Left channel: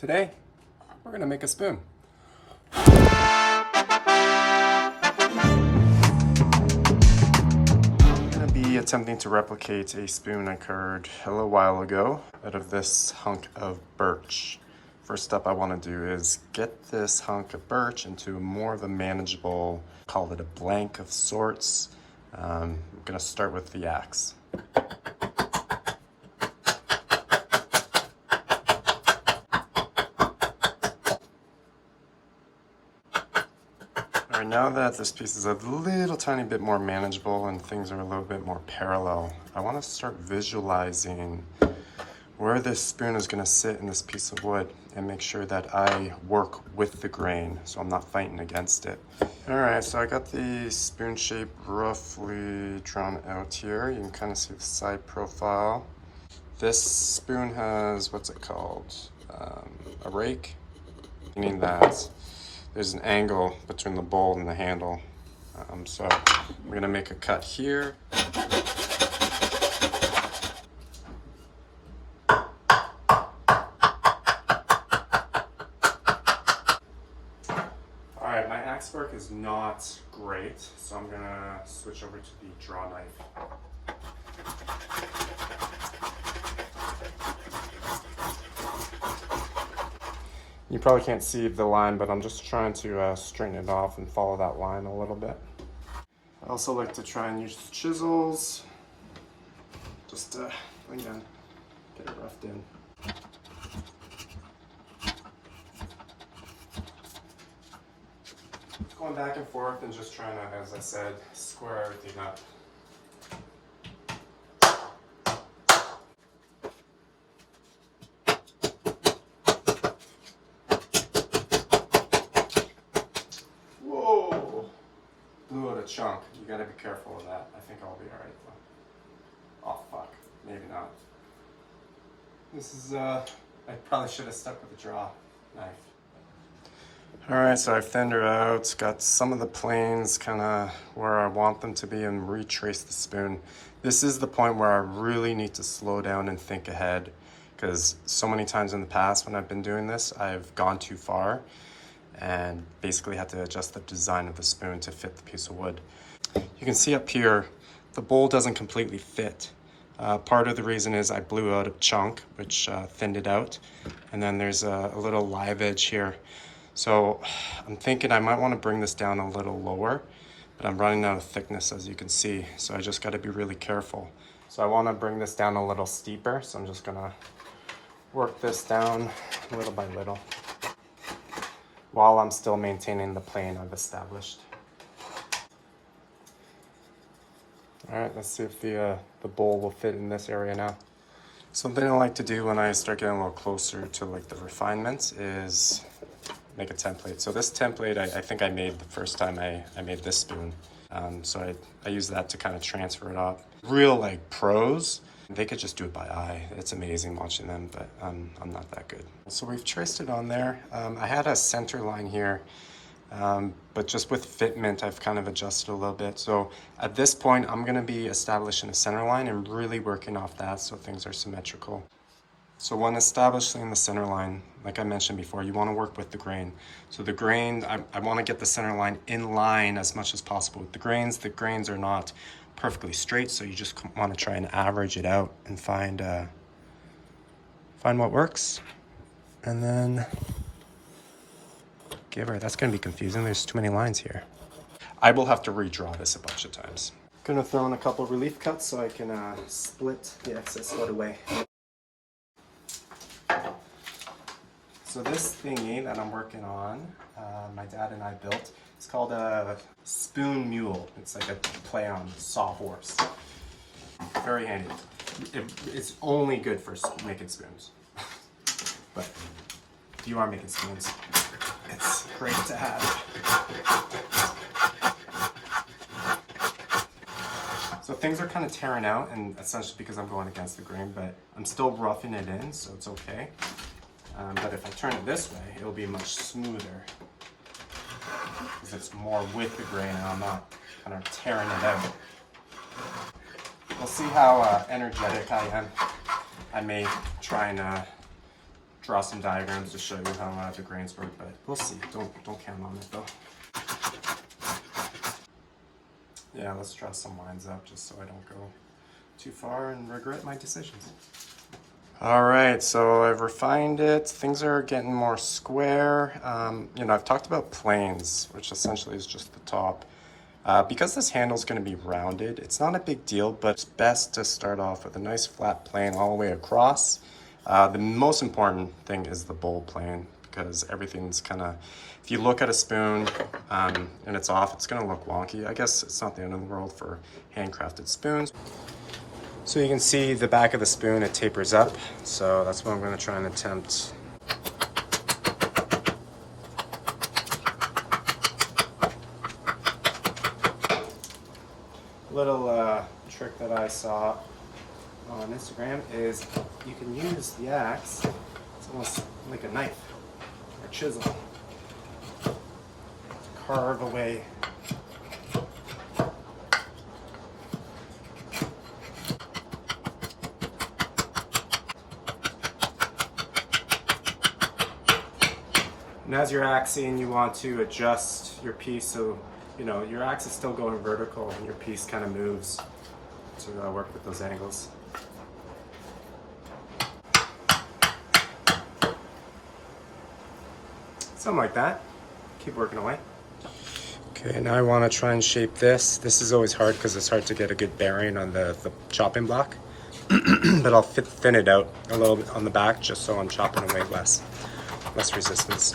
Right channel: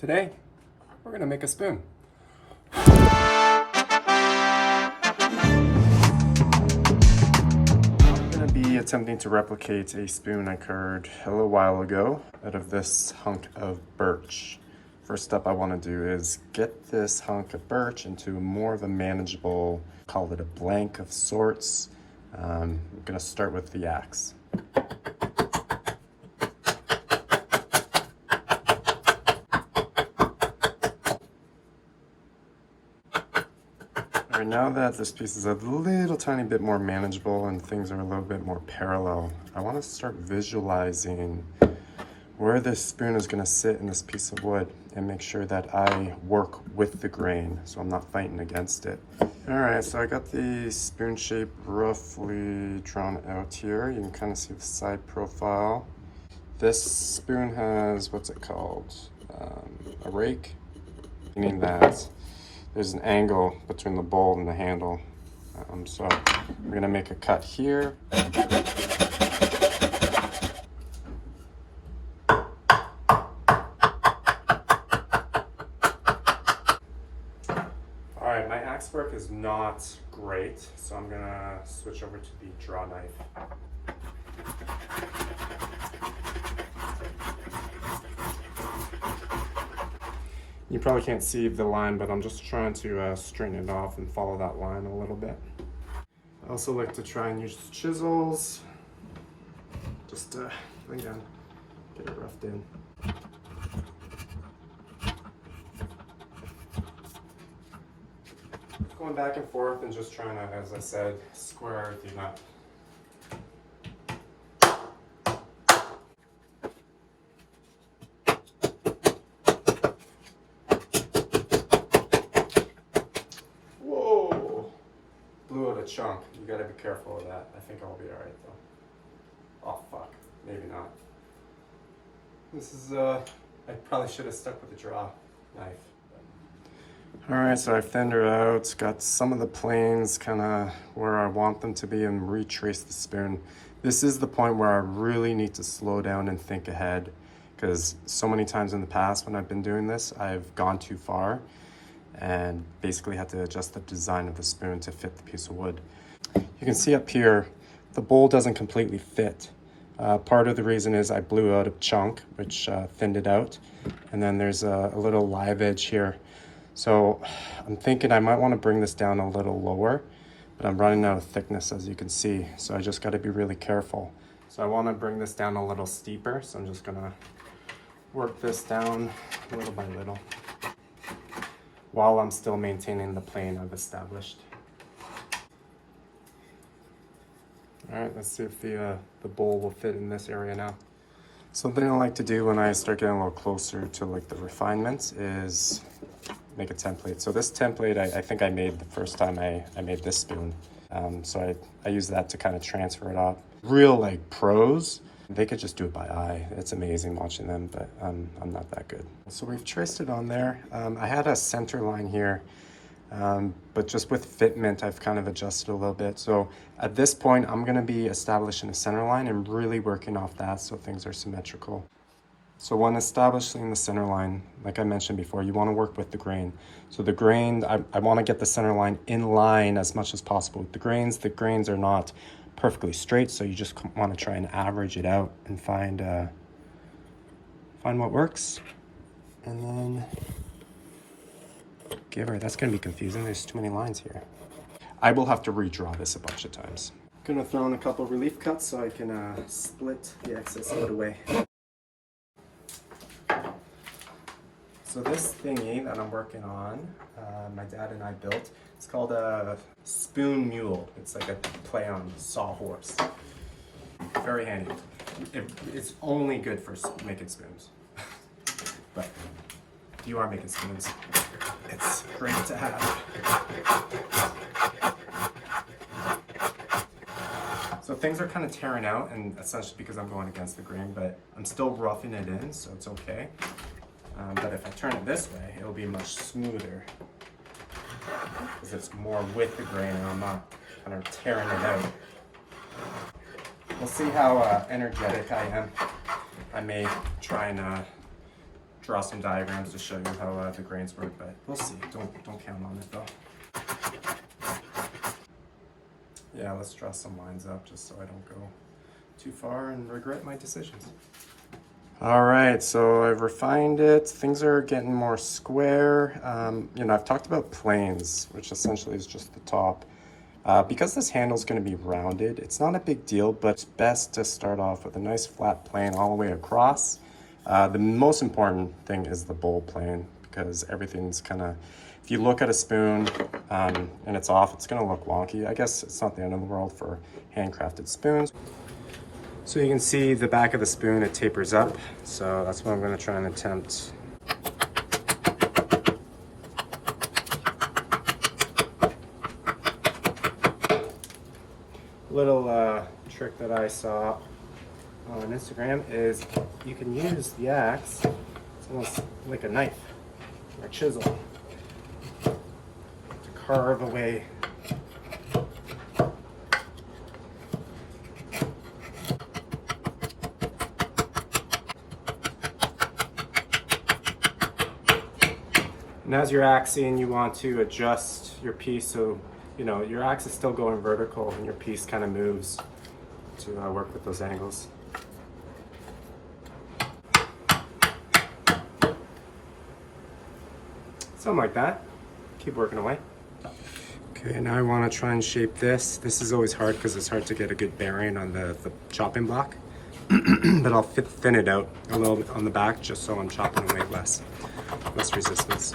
Today, we're gonna make a spoon. I'm gonna be attempting to replicate a spoon I carved a little while ago out of this hunk of birch. First up I wanna do is get this hunk of birch into more of a manageable, call it a blank of sorts. I'm gonna start with the axe. All right, now that this piece is a little tiny bit more manageable and things are a little bit more parallel, I want to start visualizing where this spoon is going to sit in this piece of wood and make sure that I work with the grain so I'm not fighting against it. All right, so I got the spoon shape roughly drawn out here. You can kind of see the side profile. This spoon has, what's it called? A rake, meaning that there's an angle between the bowl and the handle. So we're gonna make a cut here. All right, my axe work is not great, so I'm gonna switch over to the draw knife. You probably can't see the line, but I'm just trying to straighten it off and follow that line a little bit. I also like to try and use chisels, just to, again, get it roughed in. Going back and forth and just trying to, as I said, square everything up. Blew out a chunk. You gotta be careful of that. I think I'll be alright though. Oh fuck. Maybe not. This is, I probably should have stuck with the draw knife. Alright, so I've thinned her out, got some of the planes kind of where I want them to be and retrace the spoon. This is the point where I really need to slow down and think ahead, because so many times in the past when I've been doing this, I've gone too far and basically had to adjust the design of the spoon to fit the piece of wood. You can see up here, the bowl doesn't completely fit. Part of the reason is I blew out a chunk, which thinned it out. And then there's a little live edge here. So I'm thinking I might want to bring this down a little lower, but I'm running out of thickness, as you can see. So I just got to be really careful. So I want to bring this down a little steeper. So I'm just gonna work this down little by little, while I'm still maintaining the plane I've established. All right, let's see if the bowl will fit in this area now. Something I like to do when I start getting a little closer to like the refinements is make a template. So this template I think I made the first time I made this spoon. So I use that to kind of transfer it up. Real like pros, they could just do it by eye. It's amazing watching them, but I'm not that good. So we've traced it on there. I had a center line here, but just with fitment, I've kind of adjusted a little bit. So at this point, I'm gonna be establishing a center line and really working off that so things are symmetrical. So when establishing the center line, like I mentioned before, you wanna work with the grain. So the grain, I wanna get the center line in line as much as possible with the grains. The grains are not perfectly straight, so you just want to try and average it out and find what works, and then give her. That's going to be confusing. There's too many lines here. I will have to redraw this a bunch of times. I'm going to throw in a couple of relief cuts so I can split the excess out away. So this thingy that I'm working on, my dad and I built, it's called a spoon mule. It's like a play on sawhorse. Very handy. It's only good for making spoons. But if you are making spoons, it's great to have. So things are kind of tearing out, and essentially because I'm going against the grain, but I'm still roughing it in, so it's okay. But if I turn it this way, it'll be much smoother, because it's more with the grain and I'm not kind of tearing it out. We'll see how energetic I am. I may try and draw some diagrams to show you how the grains work, but we'll see. Don't count on it though. Yeah, let's draw some lines up just so I don't go too far and regret my decisions. All right, so I've refined it. Things are getting more square. You know, I've talked about planes, which essentially is just the top. Because this handle is going to be rounded, it's not a big deal, but it's best to start off with a nice flat plane all the way across. The most important thing is the bowl plane, because everything's kind of, if you look at a spoon and it's off, it's going to look wonky. I guess it's not the end of the world for handcrafted spoons. So you can see the back of the spoon, it tapers up. So that's what I'm going to try and attempt. Little trick that I saw on Instagram is you can use the axe. It's almost like a knife or a chisel to carve away. And as you're axing, you want to adjust your piece so you know your axe is still going vertical and your piece kind of moves to work with those angles. Something like that. Keep working away. Okay, now I want to try and shape this. This is always hard because it's hard to get a good bearing on the chopping block. But I'll thin it out a little bit on the back just so I'm chopping away less resistance.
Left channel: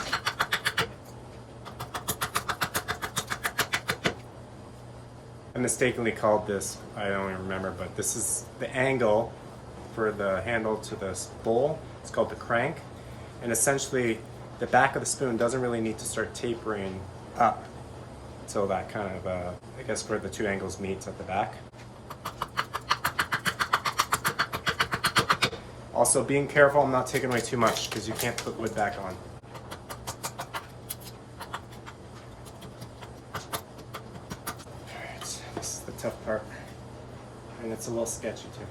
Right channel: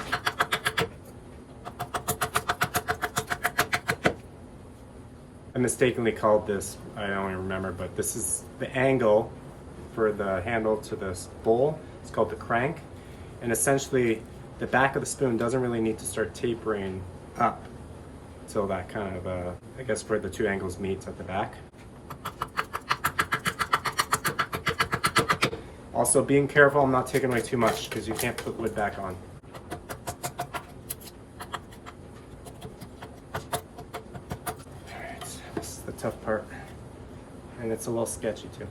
I mistakenly called this, I don't even remember, but this is the angle for the handle to this bowl. It's called the crank. And essentially, the back of the spoon doesn't really need to start tapering up until that kind of, I guess where the two angles meet at the back. Also, being careful, I'm not taking away too much because you can't put wood back on. Alright, this is the tough part. And it's a little sketchy too.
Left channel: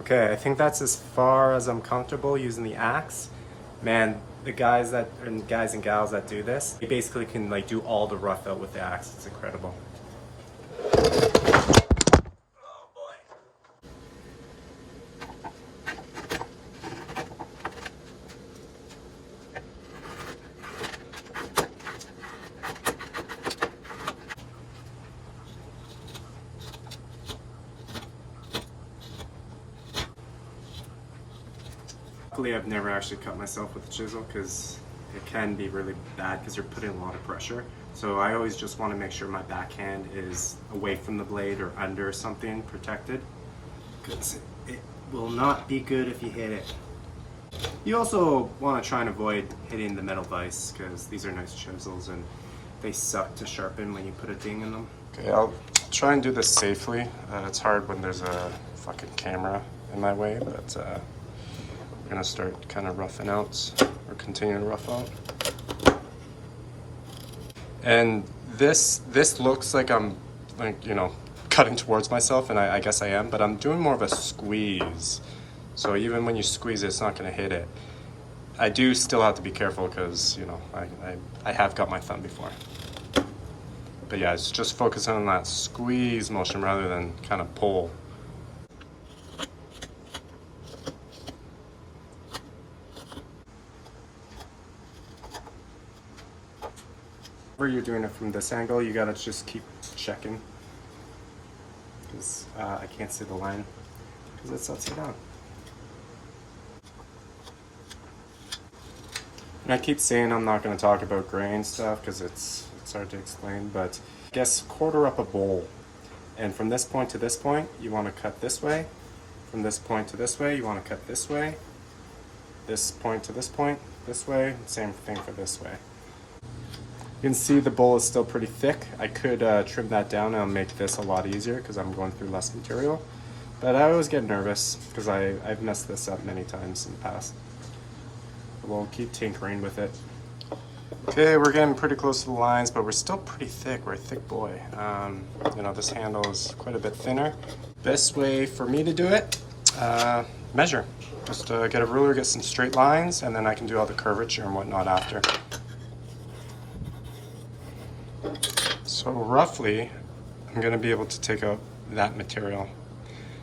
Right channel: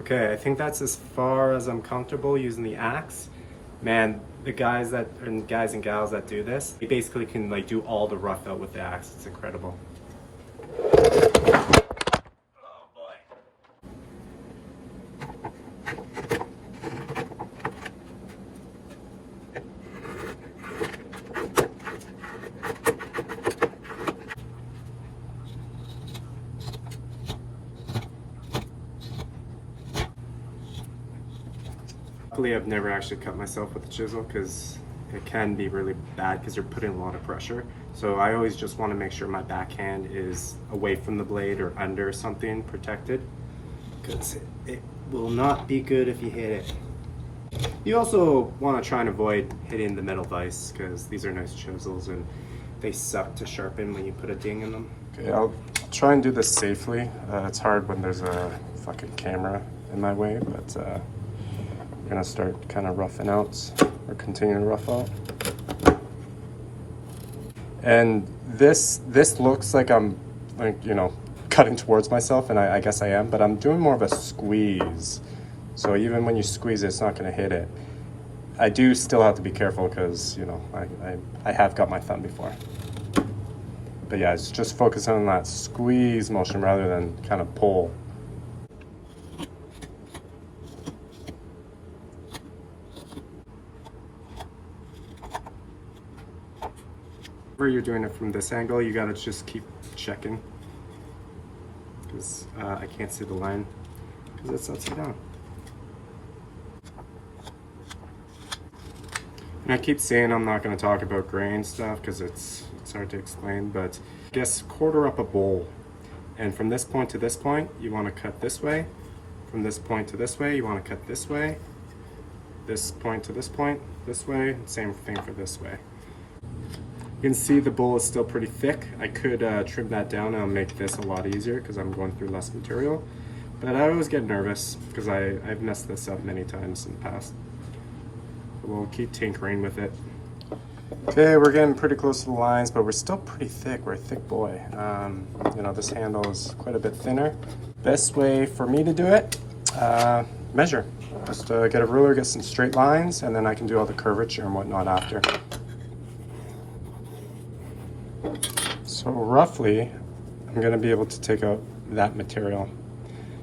Okay, I think that's as far as I'm comfortable using the axe. Man, the guys and gals that do this, they basically can like do all the rough out with the axe. It's incredible. Luckily, I've never actually cut myself with a chisel because it can be really bad because you're putting a lot of pressure. So I always just want to make sure my backhand is away from the blade or under something protected, because it will not be good if you hit it. You also want to try and avoid hitting the metal vise because these are nice chisels and they suck to sharpen when you put a ding in them. Okay, I'll try and do this safely. It's hard when there's a fucking camera in my way, but we're gonna start kind of roughing out, or continue to rough out. And this looks like I'm like, you know, cutting towards myself, and I guess I am, but I'm doing more of a squeeze. So even when you squeeze it, it's not gonna hit it. I do still have to be careful because, you know, I have got my thumb before. But yeah, it's just focusing on that squeeze motion rather than kind of pull. Whenever you're doing it from this angle, you gotta just keep checking, because I can't see the line because it's upside down. And I keep saying I'm not going to talk about grain stuff because it's hard to explain, but I guess quarter up a bowl, and from this point to this point you want to cut this way, from this point to this way you want to cut this way, this point to this point this way, same thing for this way. You can see the bowl is still pretty thick. I could trim that down and make this a lot easier because I'm going through less material. But I always get nervous because I've messed this up many times in the past. We'll keep tinkering with it. Okay, we're getting pretty close to the lines, but we're still pretty thick. We're a thick boy. You know, this handle is quite a bit thinner. Best way for me to do it, measure. Just get a ruler, get some straight lines, and then I can do all the curvature and whatnot after. So roughly, I'm gonna be able to take out that material.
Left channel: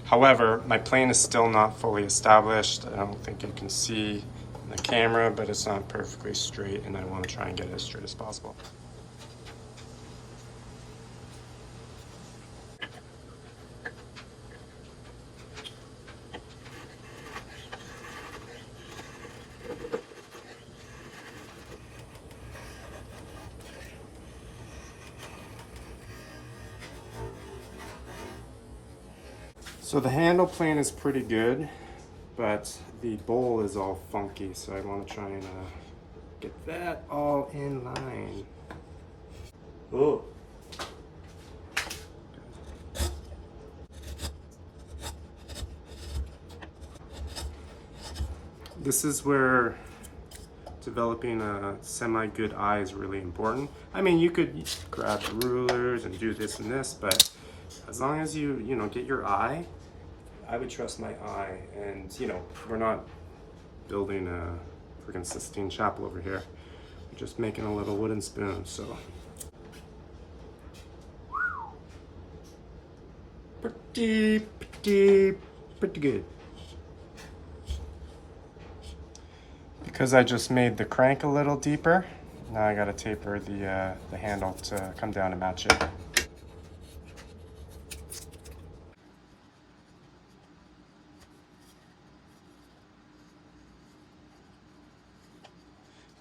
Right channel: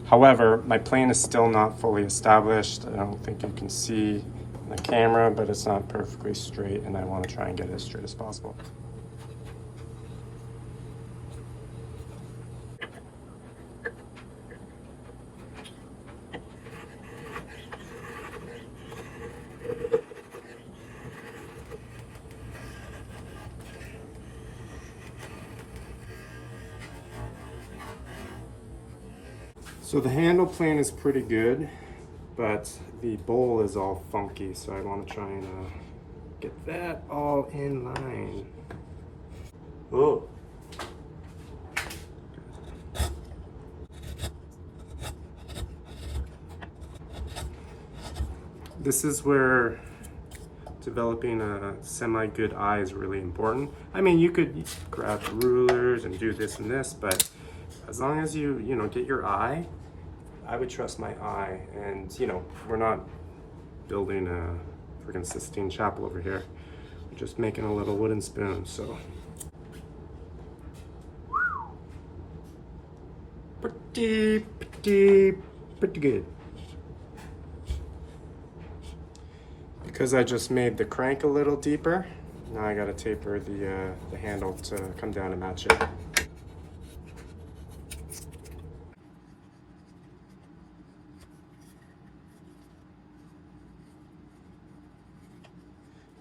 However, my plane is still not fully established. I don't think you can see in the camera, but it's not perfectly straight, and I want to try and get it as straight as possible. So the handle plane is pretty good, but the bowl is all funky, so I want to try and get that all in line. Oh. This is where developing a semi-good eye is really important. I mean, you could grab rulers and do this and this, but as long as you know, get your eye, I would trust my eye. And you know, we're not building a freaking Sistine Chapel over here. We're just making a little wooden spoon, so. Pretty good. Because I just made the crank a little deeper, now I gotta taper the handle to come down and match it.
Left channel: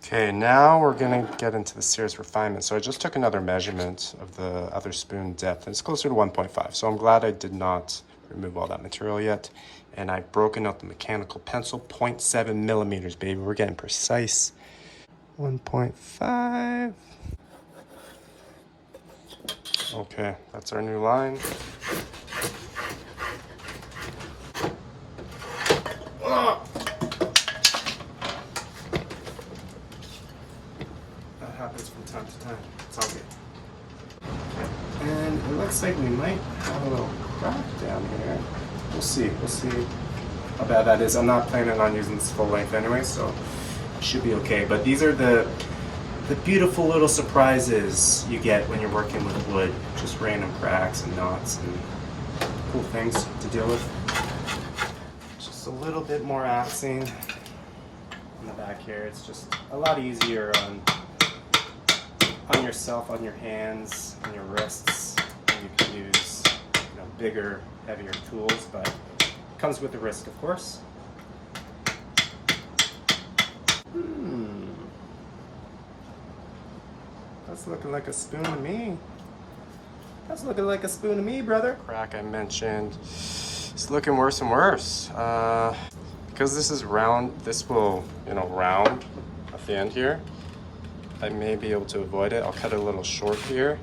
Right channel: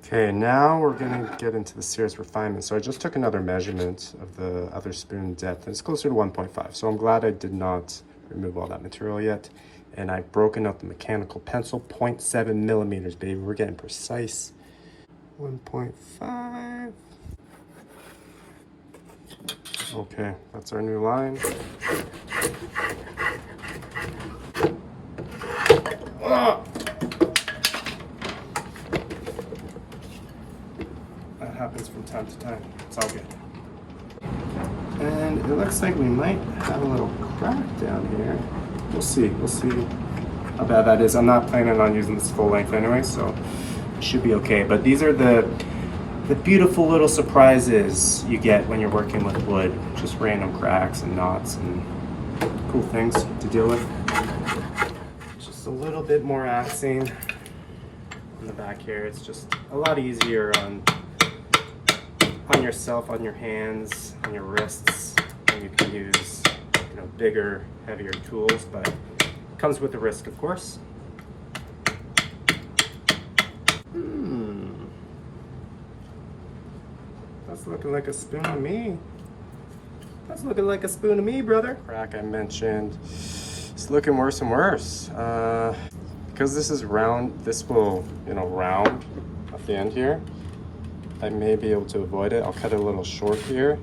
Okay, now we're gonna get into the serious refinement. So I just took another measurement of the other spoon depth, and it's closer to 1.5. So I'm glad I did not remove all that material yet. And I've broken out the mechanical pencil, 0.7 millimeters, baby. We're getting precise. 1.5. Okay, that's our new line. That happens from time to time. It's all good. And it looks like we might have a little crack down here. We'll see how bad that is. I'm not planning on using this full length anyway, so it should be okay. But these are the beautiful little surprises you get when you're working with wood. Just random cracks and knots and cool things to deal with. Just a little bit more axing on the back here. It's just a lot easier on yourself, on your hands, on your wrists, and you can use, you know, bigger, heavier tools, but it comes with the risk, of course. That's looking like a spoon to me. That's looking like a spoon to me, brother. Crack I mentioned, it's looking worse and worse. Because this is round, this will, you know, round at the end here. I may be able to avoid it. I'll cut it a little short here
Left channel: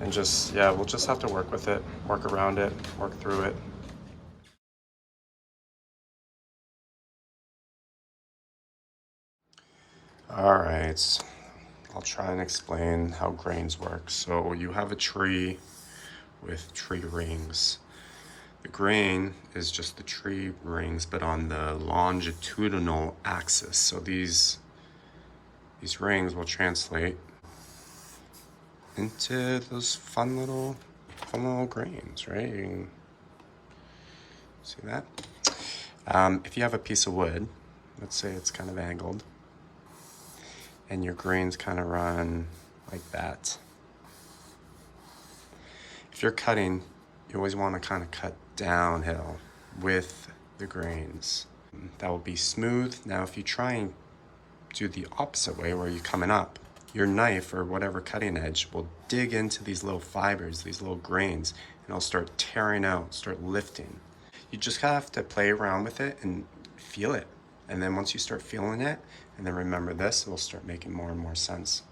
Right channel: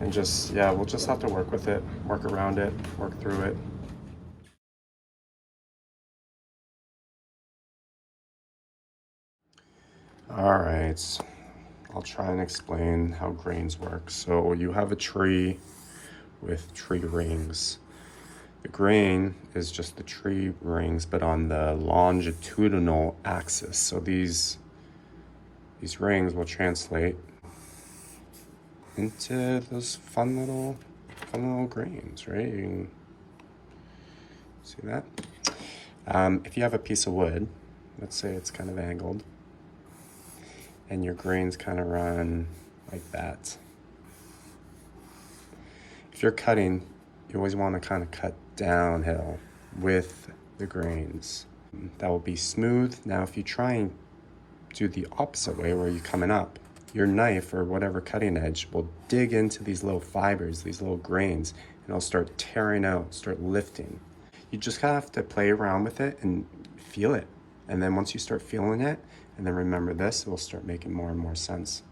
and just, yeah, we'll just have to work with it, work around it, work through it. All right, I'll try and explain how grains work. So you have a tree with tree rings. The grain is just the tree rings, but on the longitudinal axis. So these rings will translate into those fun little grains, right? You can see that. If you have a piece of wood, let's say it's kind of angled, and your grains kind of run like that. If you're cutting, you always want to kind of cut downhill with the grains. That will be smooth. Now, if you try and do the opposite way where you're coming up, your knife or whatever cutting edge will dig into these little fibers, these little grains, and it'll start tearing out, start lifting. You just have to play around with it and feel it. And then once you start feeling it, and then remember this, it will start making more and more sense.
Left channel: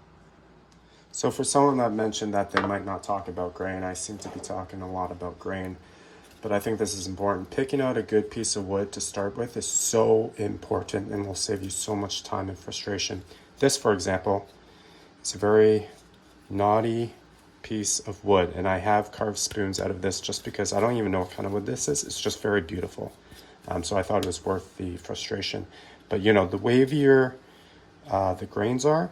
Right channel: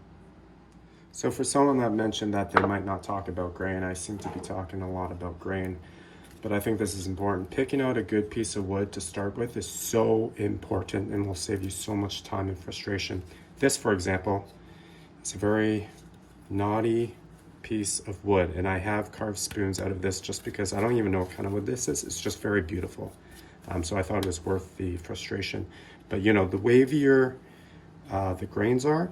So for someone that mentioned that they might not talk about grain, I seem to be talking a lot about grain, but I think this is important. Picking out a good piece of wood to start with is so important and will save you so much time and frustration. This, for example, It's a very knotty piece of wood, and I have carved spoons out of this just because I don't even know what kind of wood this is. It's just very beautiful. So I thought it was worth the frustration. But you know, the wavier the grains are,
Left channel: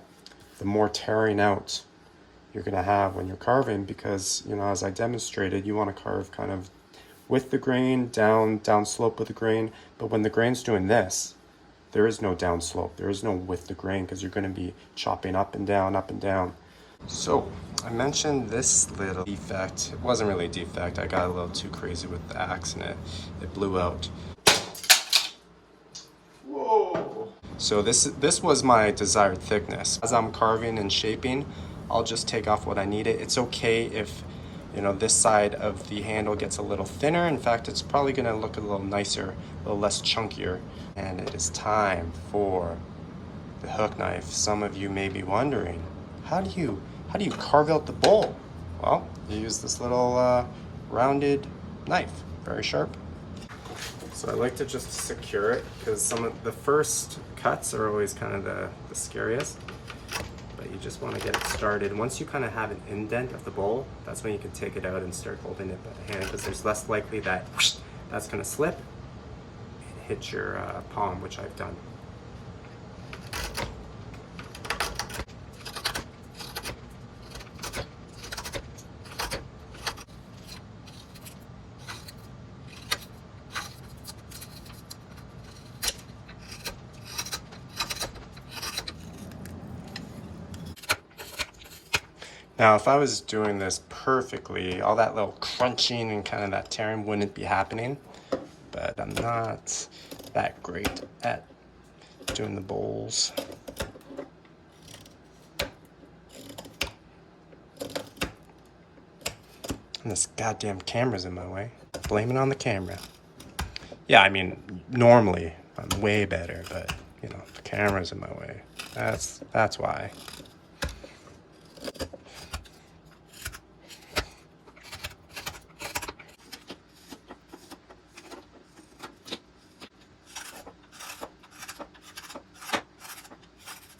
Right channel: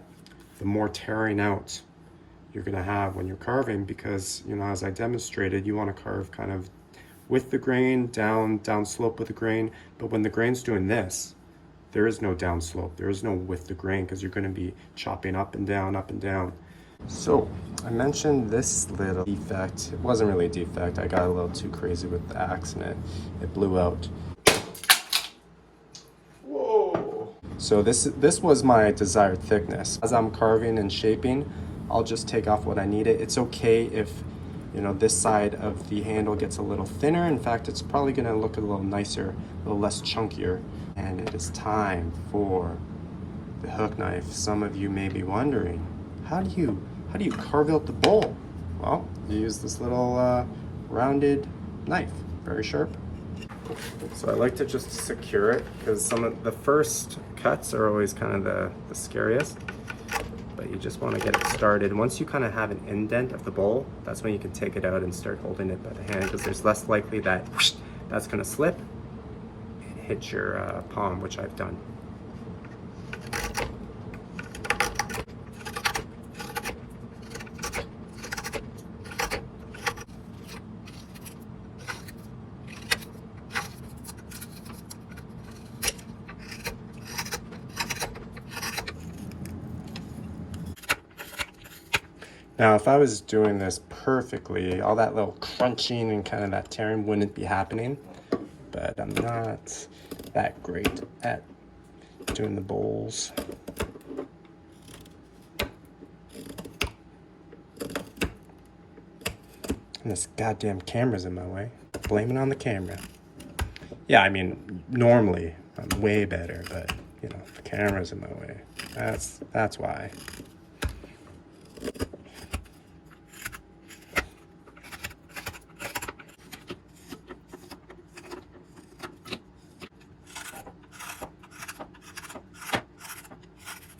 the more tearing out you're gonna have when you're carving, because you know, as I demonstrated, you want to carve kind of with the grain, down slope with the grain. But when the grain's doing this, there is no down slope, there is no with the grain, because you're going to be chopping up and down, up and down. So I mentioned this little defect. It wasn't really a defect. I got a little too crazy with the axe and it blew out. Whoa! So this was my desired thickness. As I'm carving and shaping, I'll just take off what I need. It's okay if, you know, this side of the handle gets a little thinner. In fact, it's probably going to look a little nicer, a little less chunkier. And it is time for the hook knife. Some of you may be wondering, how do you carve out the bowl? Well, you use this little rounded knife, very sharp. So I like to just secure it, because some of the first cuts are always kind of the scariest. But you just want to get it started. Once you kind of have an indent of the bowl, that's when you can take it out and start holding it by the hand, because there's less likely that that's going to slip and hit your palm, which I've done. Now, if I was doing this perfectly, all that little crunching and kind of that tearing wouldn't be happening. But I'm not that great at doing the bowls. And this goddamn camera's in my way. Blame it on the camera. Yeah, I mean, normally I'm way better, but you know, the camera's in my way. That's why.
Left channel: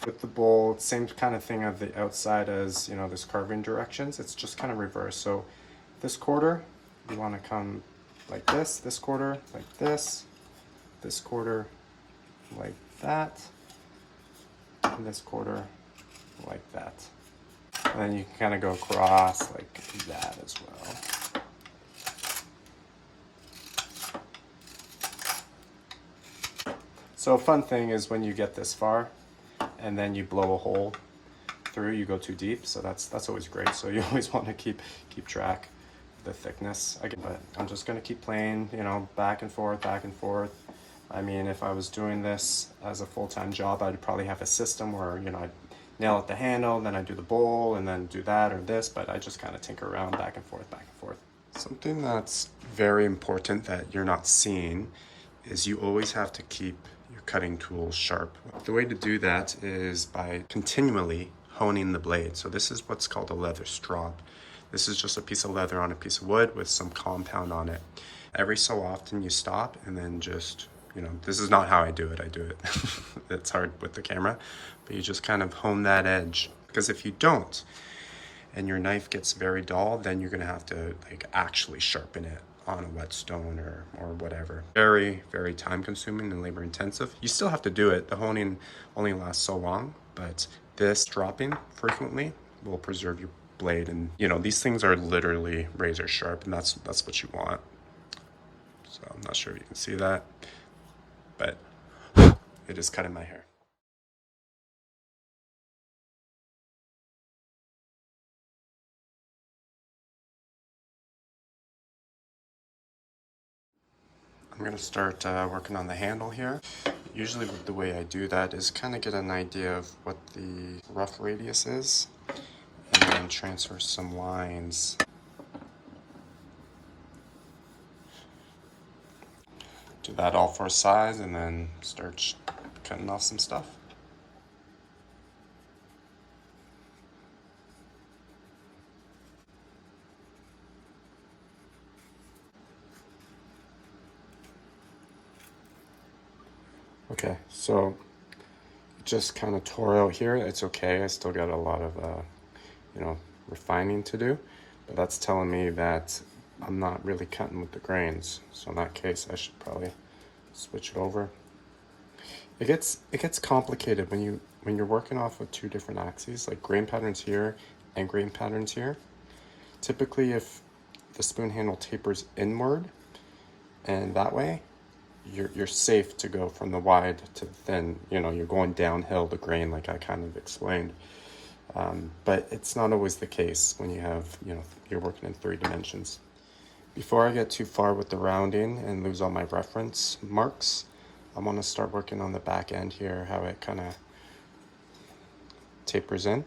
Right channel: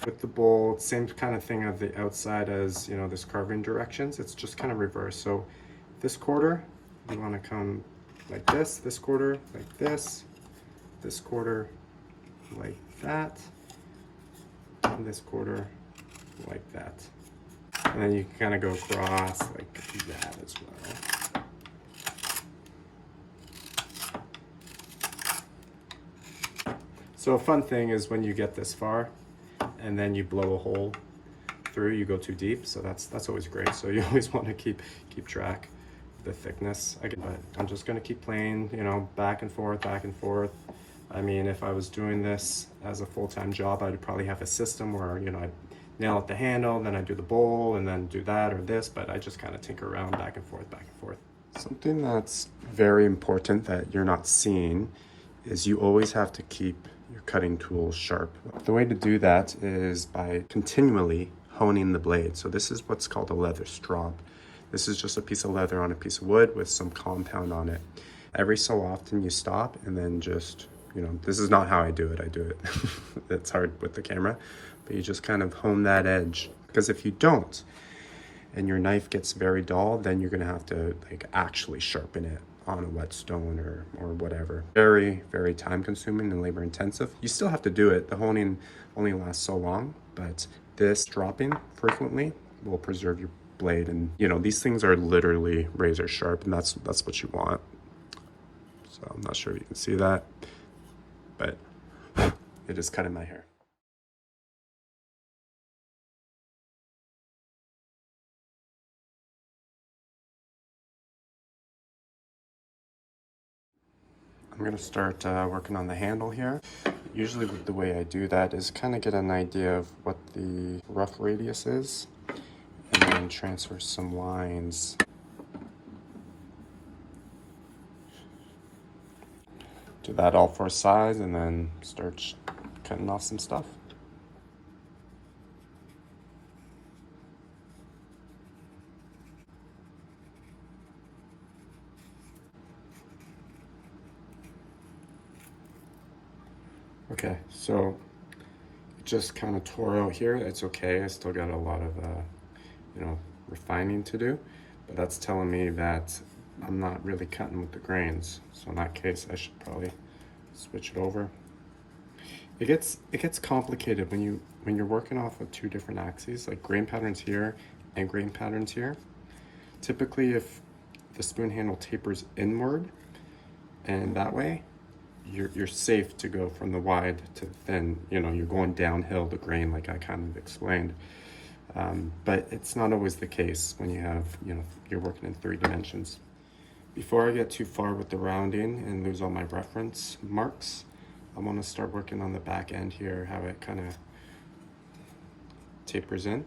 With the bowl, same kind of thing of the outside as, you know, this carving directions. It's just kind of reverse. So this quarter, you want to come like this quarter like this quarter like that, and this quarter like that. And then you can kind of go across like that as well. So a fun thing is when you get this far, and then you blow a hole through, you go too deep, so that's always great. So you always want to keep track of the thickness. But I'm just going to keep playing, you know, back and forth, back and forth. I mean, if I was doing this as a full-time job, I'd probably have a system where, you know, I'd nail at the handle, then I'd do the bowl, and then do that or this, but I just kind of tinker around back and forth, back and forth. Something that's very important that you're not seeing is you always have to keep your cutting tools sharp. The way to do that is by continually honing the blade. So this is what's called a leather strop. This is just a piece of leather on a piece of wood with some compound on it. Every so often you stop and then just, you know, this is not how I do it. It's hard with the camera, but you just kind of hone that edge. Because if you don't, and your knife gets very dull, then you're gonna have to like actually sharpen it on a whetstone or whatever. Very, very time consuming and labor intensive. You still have to do it. The honing only lasts so long, but this dropping frequently will preserve your blade. And you know, these things are literally razor sharp, and that's what you want. So I'm not sure if you can see that, but it is cutting my hair. I'm going to start working on the handle here. Usually the way I do that is kind of get an idea of what the rough radius is, and then transfer some lines. Do that all for size, and then start cutting off some stuff. Okay, so just kind of tore out here. It's okay. I still got a lot of, refining to do. But that's telling me that I'm not really cutting with the grains. So in that case, I should probably switch it over. It gets complicated when you're working off of two different axes, like grain patterns here and grain patterns here. Typically, if the spoon handle tapers inward and that way, you're safe to go from the wide to the thin. You're going downhill the grain, like I kind of explained. But it's not always the case when you have, you're working in 3 dimensions. Before I get too far with the rounding and lose all my reference marks, I want to start working on the back end here, how it kind of tapers in.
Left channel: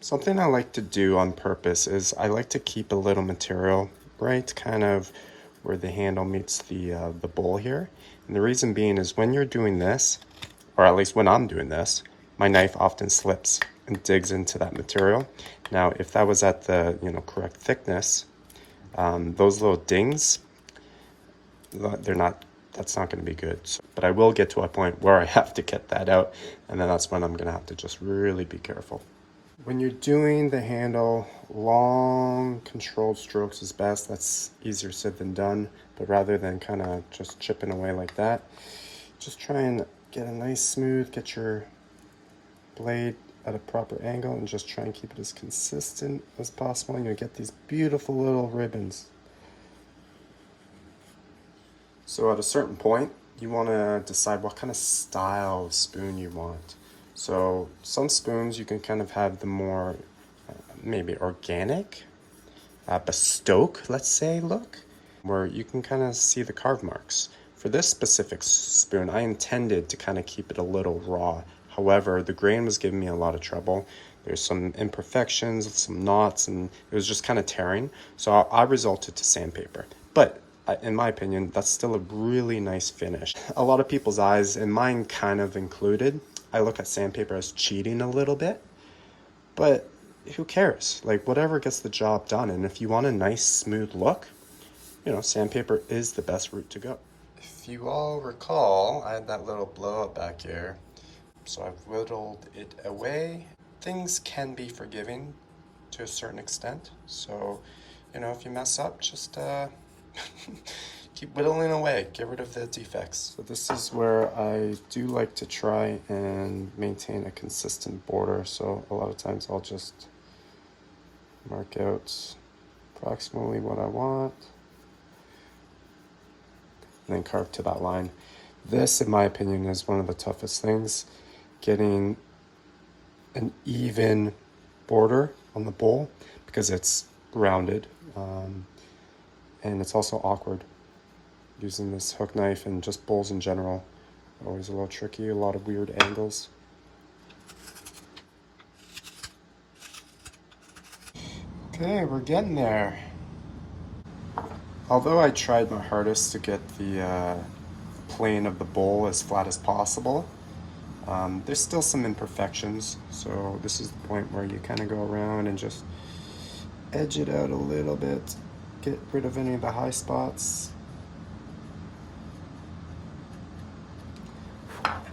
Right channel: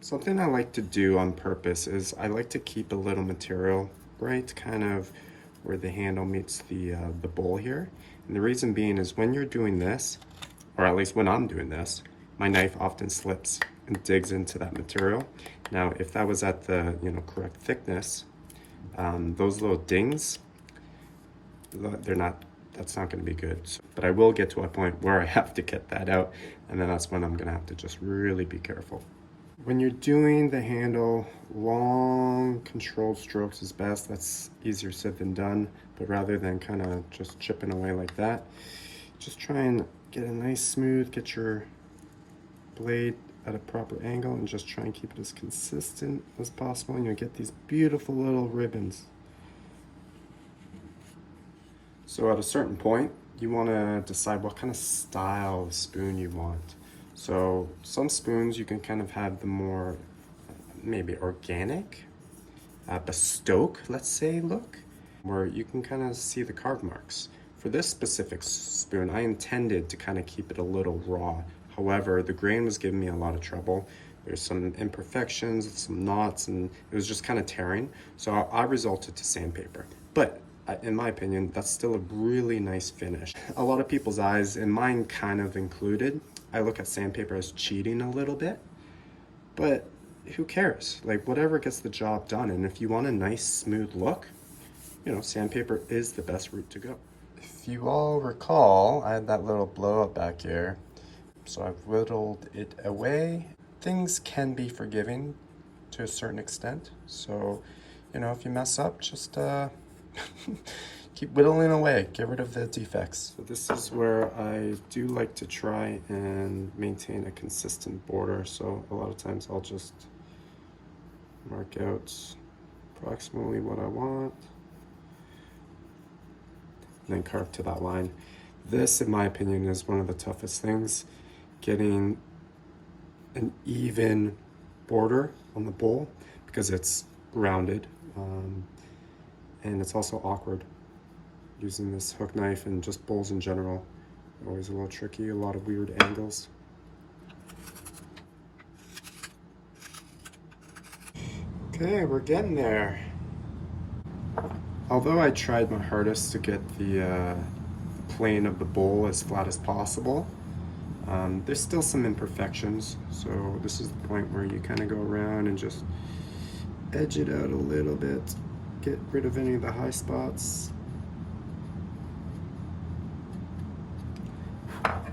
Something I like to do on purpose is I like to keep a little material right kind of where the handle meets the bowl here. And the reason being is when you're doing this, or at least when I'm doing this, my knife often slips and digs into that material. Now, if that was at the correct thickness, those little dings, that's not going to be good. So, but I will get to a point where I have to get that out, and then that's when I'm going to have to just really be careful. When you're doing the handle, long controlled strokes is best. That's easier said than done, but rather than kind of just chipping away like that, just try and get a nice smooth, get your blade at a proper angle and just try and keep it as consistent as possible, and you'll get these beautiful little ribbons. So at a certain point, you want to decide what kind of style of spoon you want. So some spoons you can kind of have the more maybe organic, bespoke, let's say, look, where you can kind of see the carve marks. For this specific spoon, I intended to kind of keep it a little raw. However, the grain was giving me a lot of trouble. There's some imperfections, some knots, and it was just kind of tearing. So I resorted to sandpaper. But in my opinion, that's still a really nice finish. A lot of people's eyes, and mine kind of included, I look at sandpaper as cheating a little bit, but who cares? Like, whatever gets the job done. And if you want a nice smooth look, sandpaper is the best route to go. If you all recall, I had that little blow up back here, so I've whittled it away. Things can be forgiving to a certain extent. So, if you mess up, just keep whittling away, get rid of the defects. So this is where I do like to try and maintain a consistent border. So a lot of times I'll just mark out approximately what I want and then carve to that line. This, in my opinion, is one of the toughest things, getting an even border on the bowl because it's rounded, and it's also awkward. Using this hook knife and just bowls in general, always a little tricky, a lot of weird angles. Okay, we're getting there. Although I tried my hardest to get the plane of the bowl as flat as possible, there's still some imperfections. So this is the point where you kind of go around and just edge it out a little bit, get rid of any of the high spots.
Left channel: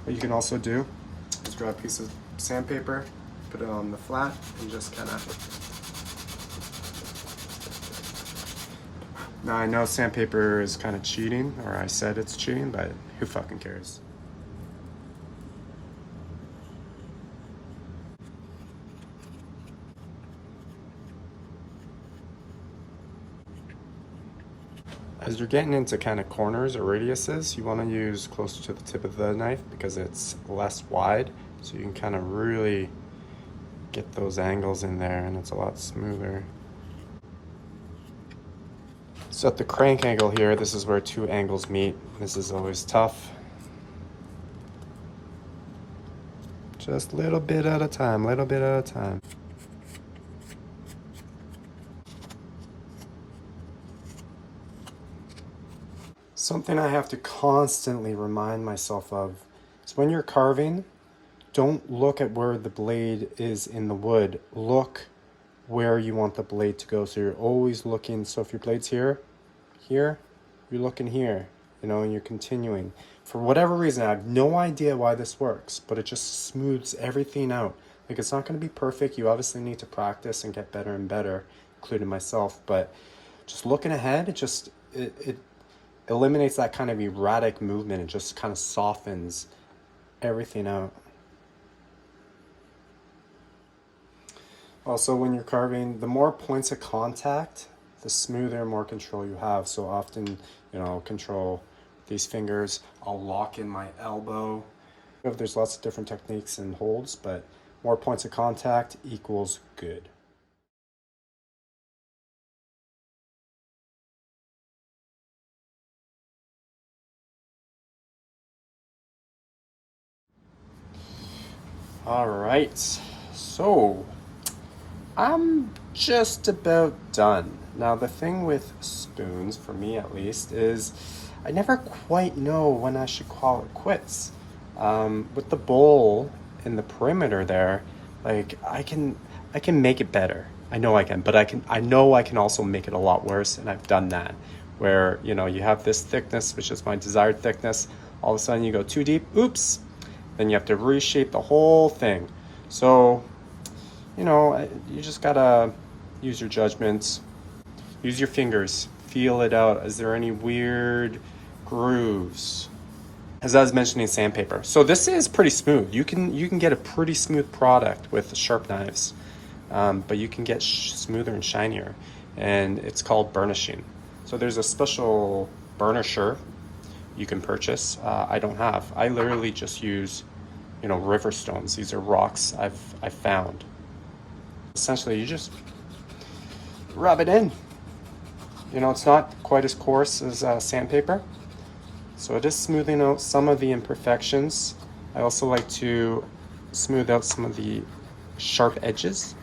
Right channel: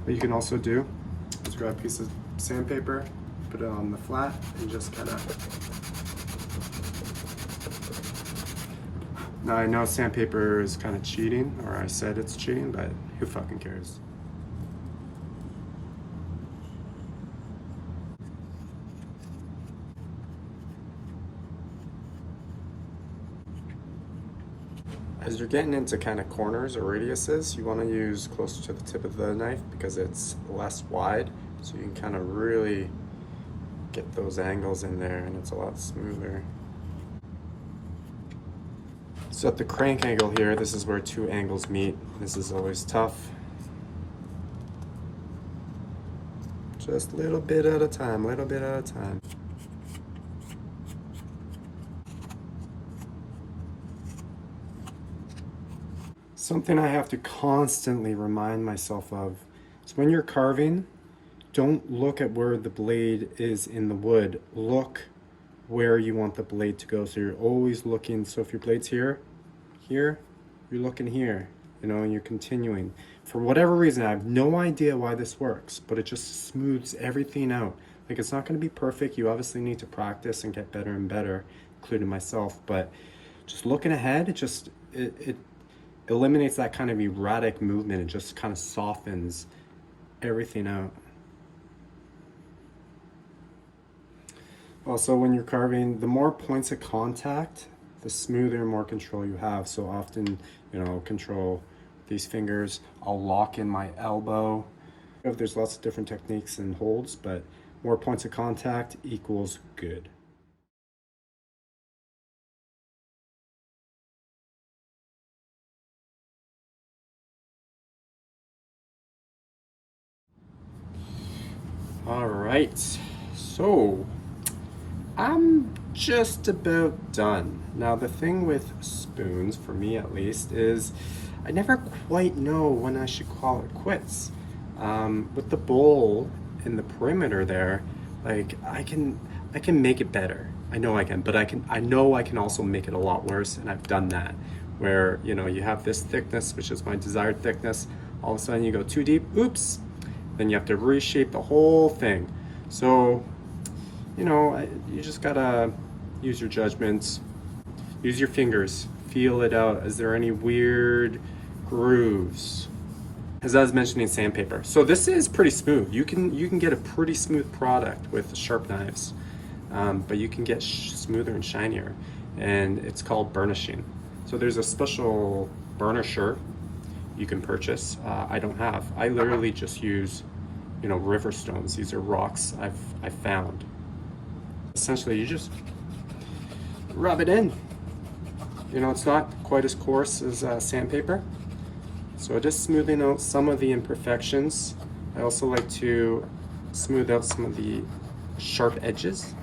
What you can also do is grab a piece of sandpaper, put it on the flat, and just kind of... Now I know sandpaper is kind of cheating, or I said it's cheating, but who fucking cares? As you're getting into kind of corners or radiuses, you want to use closer to the tip of the knife because it's less wide, so you can kind of really get those angles in there and it's a lot smoother. So at the crank angle here, this is where 2 angles meet. This is always tough. Just a little bit at a time, little bit at a time. Something I have to constantly remind myself of is when you're carving, don't look at where the blade is in the wood. Look where you want the blade to go. So you're always looking. So if your blade's here, you're looking here, you know, and you're continuing. For whatever reason, I have no idea why this works, but it just smooths everything out. Like, it's not going to be perfect. You obviously need to practice and get better and better, including myself. But just looking ahead, it eliminates that kind of erratic movement and just kind of softens everything out. Also, when you're carving, the more points of contact, the smoother, more control you have. So often, you know, control these fingers. I'll lock in my elbow. There's lots of different techniques and holds, but more points of contact equals good. All right, so I'm just about done. Now, the thing with spoons, for me at least, is I never quite know when I should call it quits. With the bowl in the perimeter there, like I can make it better. I know I can, but I know I can also make it a lot worse, and I've done that. Where, you know, you have this thickness, which is my desired thickness. All of a sudden you go too deep, oops, then you have to reshape the whole thing. So, you know, you just gotta use your judgments, use your fingers, feel it out. Is there any weird grooves? As I was mentioning, sandpaper. So this is pretty smooth. You can get a pretty smooth product with sharp knives, but you can get smoother and shinier, and it's called burnishing. So there's a special burnisher you can purchase. I don't have. I literally just use, you know, river stones. These are rocks I've found. Essentially, you just rub it in. You know, it's not quite as coarse as sandpaper, so it is smoothing out some of the imperfections. I also like to smooth out some of the sharp edges.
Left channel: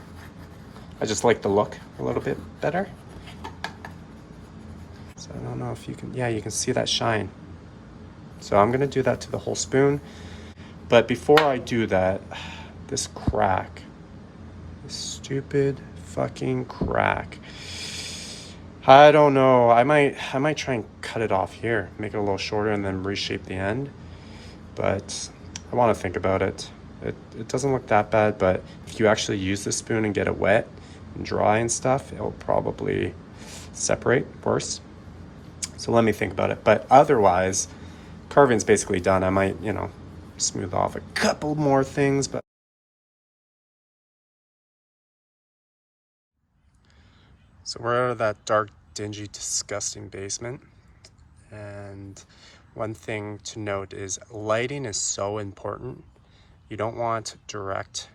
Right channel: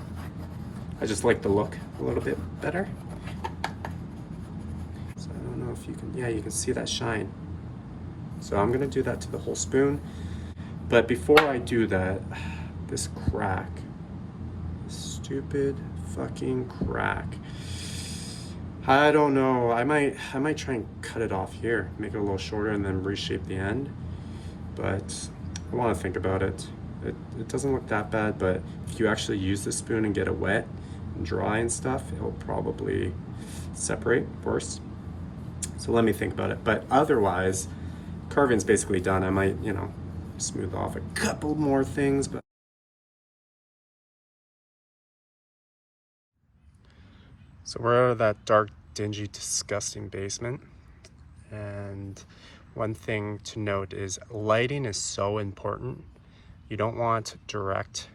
I just like the look a little bit better. So I don't know if you can, yeah, you can see that shine. So I'm gonna do that to the whole spoon. But before I do that, this crack, this stupid fucking crack. I don't know. I might try and cut it off here, make it a little shorter, and then reshape the end. But I want to think about it. It doesn't look that bad, but if you actually use the spoon and get it wet and dry and stuff, it'll probably separate worse. So let me think about it. But otherwise, carving's basically done. I might, you know, smooth off a couple more things, but so we're out of that dark, dingy, disgusting basement. And one thing to note is lighting is so important. You don't want direct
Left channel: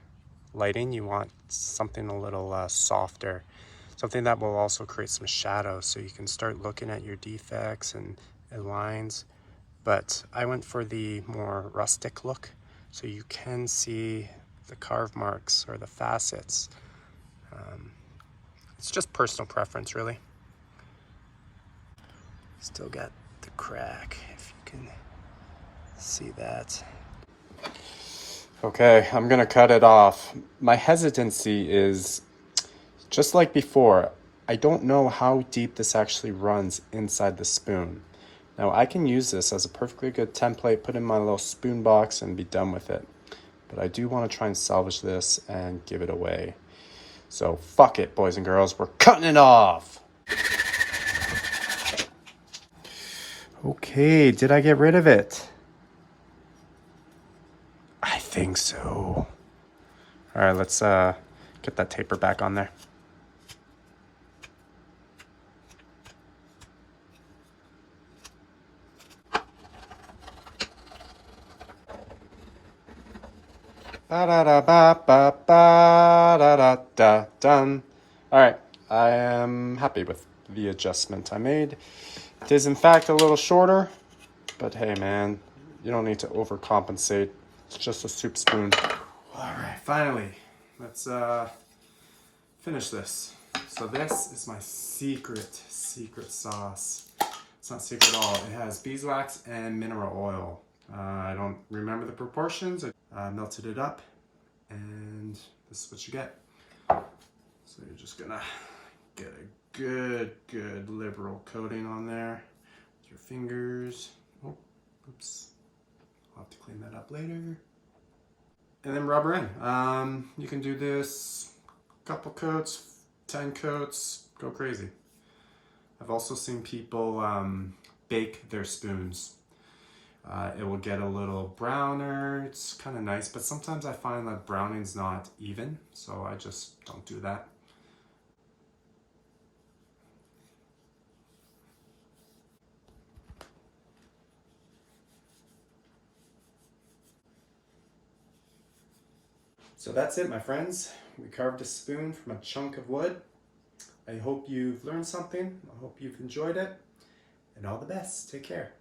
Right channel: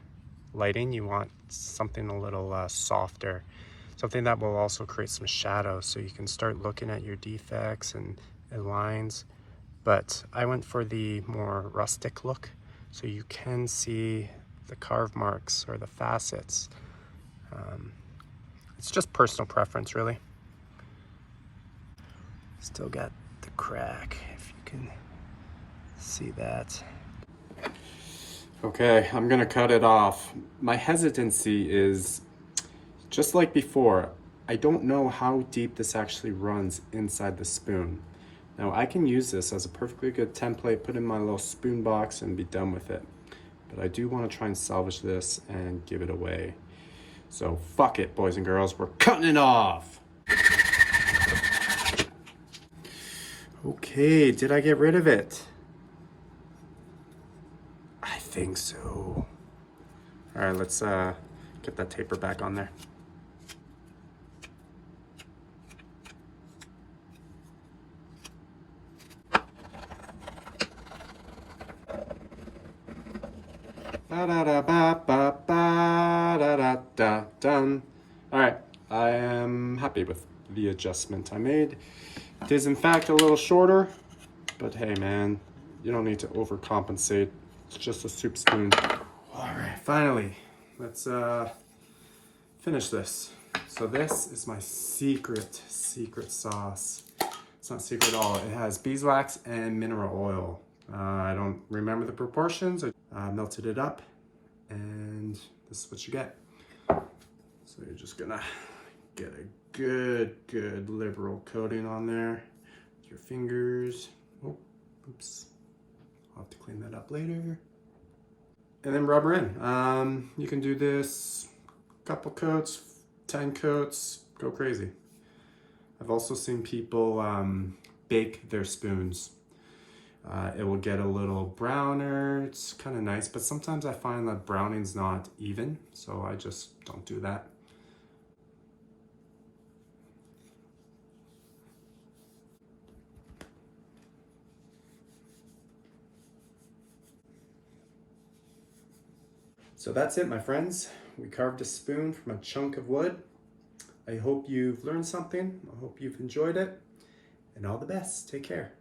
lighting. You want something a little softer, something that will also create some shadow so you can start looking at your defects and lines. But I went for the more rustic look, so you can see the carve marks or the facets. It's just personal preference, really. Still got the crack, if you can see that. Okay, I'm gonna cut it off. My hesitancy is, just like before, I don't know how deep this actually runs inside the spoon. Now I can use this as a perfectly good template, put in my little spoon box and be done with it. But I do want to try and salvage this and give it away. So fuck it, boys and girls, we're cutting it off. Okay, did I get rid of it? I think so. All right, let's get that taper back on there. Done. All right, I am happy with the adjustment I made. It is in fact a little shorter, but hey man, you don't need to overcompensate. It's just a soup spoon. All right, finally, let's finish this. So this is my secret sauce. It's not secret at all. It has beeswax and mineral oil. I don't remember the proportions. melted it up, and this is what you get. So you're just gonna get a good liberal coating on there with your fingers. Oh, oops. I'll have to clean that up later. And then rub her in. You can do this a couple coats, 10 coats, go crazy. I've also seen people bake their spoons. It will get a little browner. It's kind of nice, but sometimes I find that browning's not even, so I just don't do that. So that's it, my friends. We carved a spoon from a chunk of wood. I hope you've learned something. I hope you've enjoyed it. And all the best. Take care.